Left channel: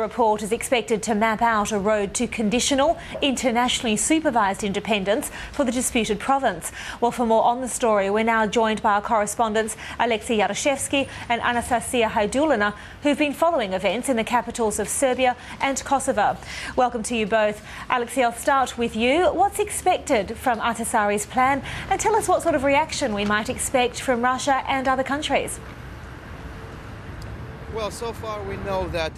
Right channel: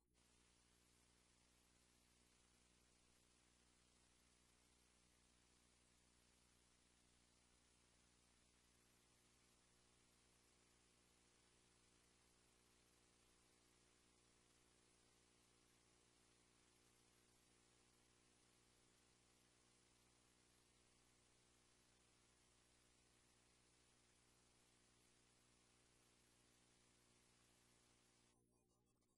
report is expected to map out a road to conditional, internationally supervised independence for the disputed province. Well, for more on the story, we're now joined by our correspondents Alicia Young and Anastasia Hajdulina, who've been following events in the capitals of Serbia and Kosovo. Welcome to you both. Alexei, I'll start with you. What's expected from Ahtisaari's plan, and tell us what sort of reaction we might expect from Russia and other countries. Well, so far we know that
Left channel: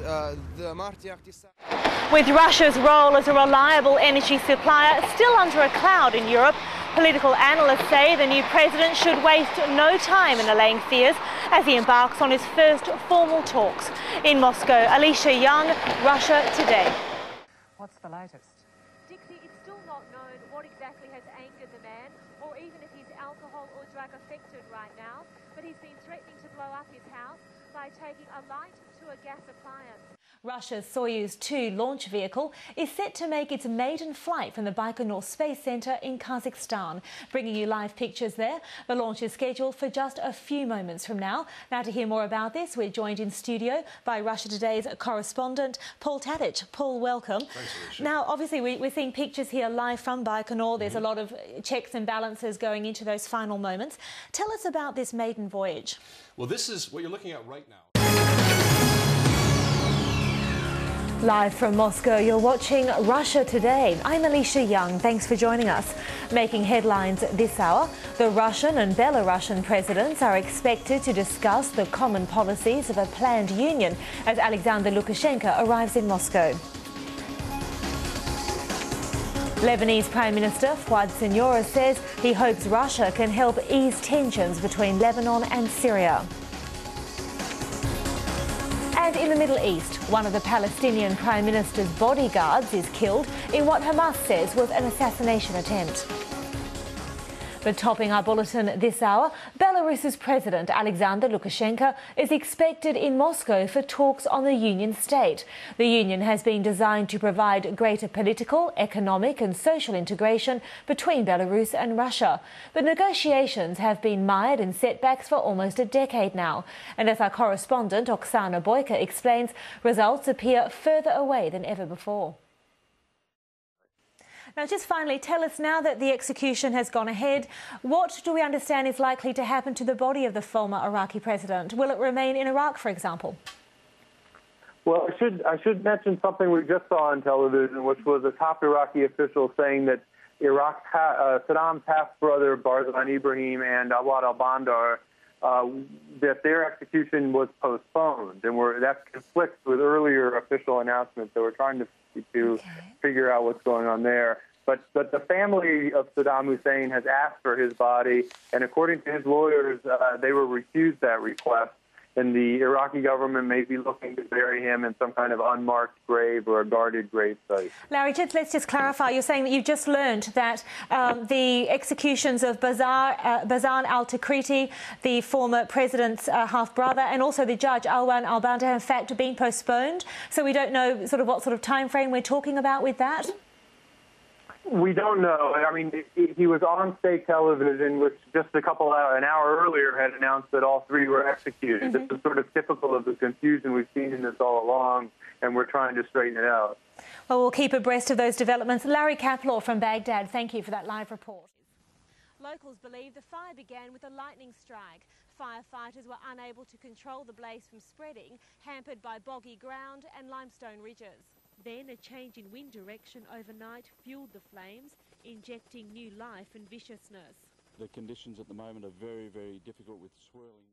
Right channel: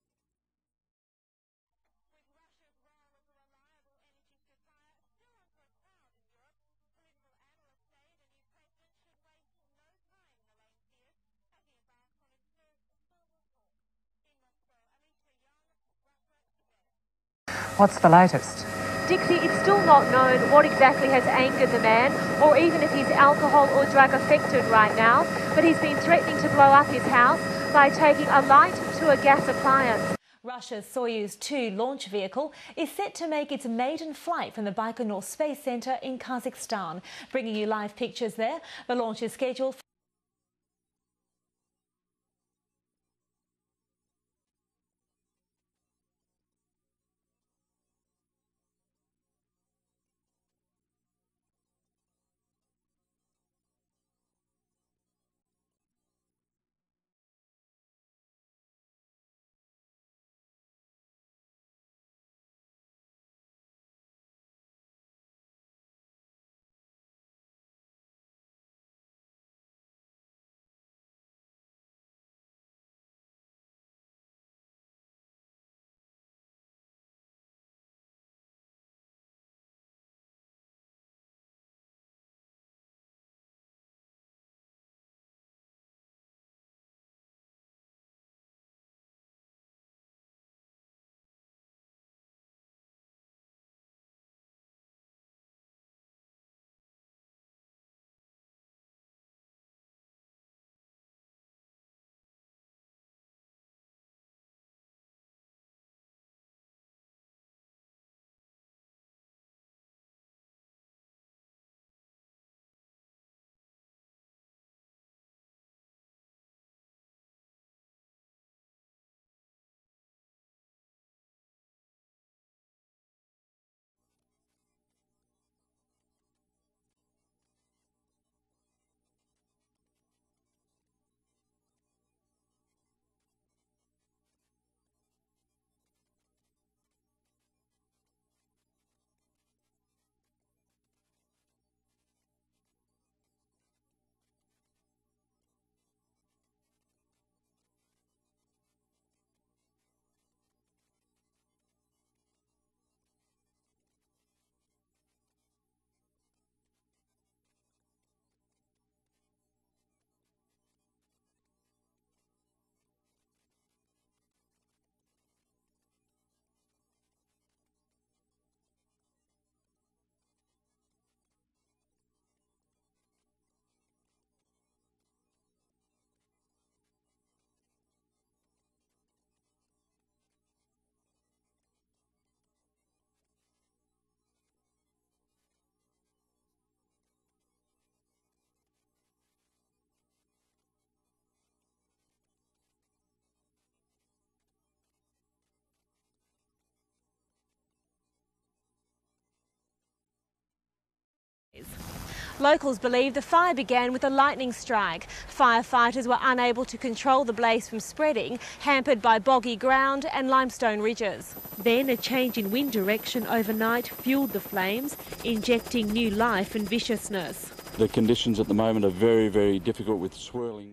the Marti Ahtisaari... With Russia's role as a reliable energy supplier still under a cloud in Europe, political analysts say the new president should waste no time in allaying fears as he embarks on his first formal talks. In Moscow, Alicia Young, Russia Today. What's the latest? Dixie, it's still not known what exactly has angered the man, or even if he's alcohol or drug affected right now, but he's been threatening to blow up his house by taking a light to a gas appliance. Russia's Soyuz 2 launch vehicle is set to make its maiden flight from the Baikonur Space Center in Kazakhstan. Bringing you live pictures there. The launch is scheduled for just a few moments from now. Now, to hear more about this, we're joined in studio by Russia Today's correspondent, Paul Tadich. Paul, welcome. Thanks, Alicia. Now, obviously, we're seeing pictures here live from Baikonur. There's a lot of checks and balances going into those final moments. Tell us about this maiden voyage. Well, this is what you're looking at right now. Live from Moscow, you're watching Russia Today. I'm Alicia Young. Thanks for joining us. Making headlines this hour, the Russian and Belarusian presidents are expected to discuss the common policies of a planned union as Alexander Lukashenko arrives in Moscow. Lebanese Prime Minister Fouad Siniora says he hopes Russia can help ease tensions between Lebanon and Syria. And in the Middle East, one of the Palestinian Prime Minister's bodyguards is killed in what Hamas says was an assassination attempt. But topping our bulletin this hour, Belarus's President Alexander Lukashenko is expected in Moscow for talks on the Union state. The union has been designed to provide greater political, economic and social integration between Belarus and Russia. But negotiations have been mired in setbacks for almost a decade now. And as our correspondent Oksana Boyka explains, results appear further away than ever before. Now, just finally, tell us, now that the execution has gone ahead, what do we understand is likely to happen to the body of the former Iraqi president? Will it remain in Iraq, for example? Well, I should mention something we just saw on television, which was a top Iraqi official saying that Saddam's half-brother Barzan Ibrahim and Awad al-Bandar, that their execution was postponed, and that conflicts with earlier official announcements. So we're trying to figure out what's going on there. But the family of Saddam Hussein has asked for his body, and according to his lawyers, they will refuse that request. And the Iraqi government may be looking to bury him in some kind of unmarked grave or a guarded grave site. Larry, let's just clarify. You're saying that you've just learned that the executions of Barzan al-Takriti, the former president's half-brother, and also the judge Alwan al-Bandar, have in fact been postponed. So we don't know what sort of time frame we're talking about with that? We don't know. I mean, he was on state television, which just an hour earlier had announced that all three were executed. This is sort of typical of the confusion we've seen in this all along, and we're trying to straighten it out. Well, we'll keep abreast of those developments. Larry Kaplaw from Baghdad, thank you for that live report. Locals believe the fire began with a lightning strike. Firefighters were unable to control the blaze from spreading, hampered by boggy ground and limestone ridges. Then a change in wind direction overnight fueled the flames, injecting new life and viciousness. The conditions at the moment are very, very difficult with swirling.